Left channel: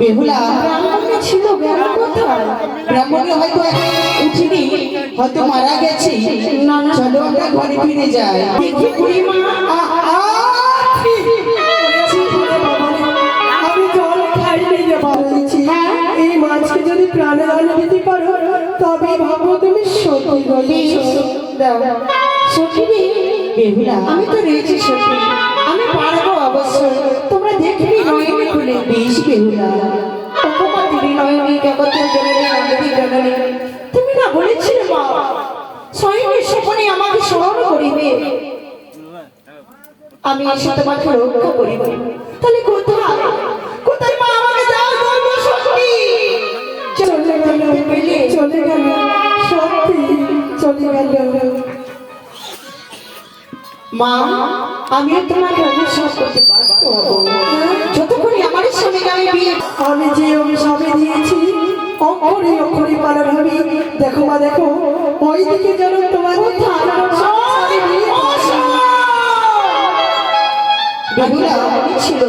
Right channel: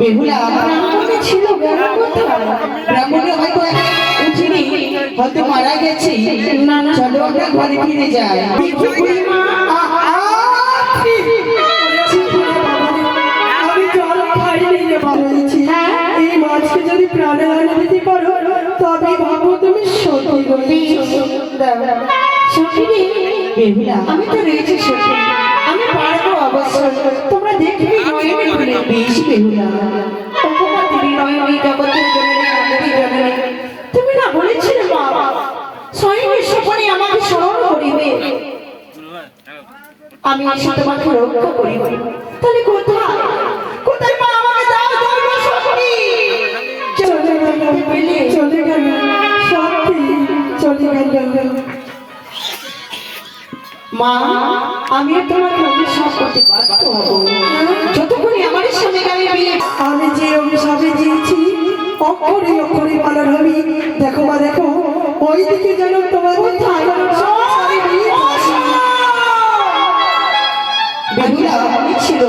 বেহুলা ব্রাহ্মণে ছিল ব্রাহ্মণে হয়তো উঠিনি, হয়তো মারা গেছে। চলো আমরা ঘরে ফিরে যাই। আমি জল খাইনি রে বলেছি, এই মাছকে যদি প্রাণদান দিতে পারো তবে ভাবো তুমি সতী রয়েছো। সখী বেহুলা, আমি তো রয়েছি সখী, আমি পারবো অবশ্য। তোমরা দেখবি নয়নে খুলে। বেশ বেহুলা, তুমি না বলেছিলে মা স্বয়ং স্বপনে আমাকে স্মরণ করিবে, আমি এসে তোমাকে রক্ষা করিব। তাহলে কোথায় কোথায় মা আমাকে দাও ধর্ম শক্তি। চলে গেল, চলে গেল, সত্যি চলে গেল। মা আমি তোমাকে অভিশাপ করতে বাধ্য হব যতক্ষণই আমার সঙ্গে আমি বিয়ে। আমি যে অভিশাপে দিয়েছি অক্ষরে অক্ষরে পালন হবে। বেহুলা ছিল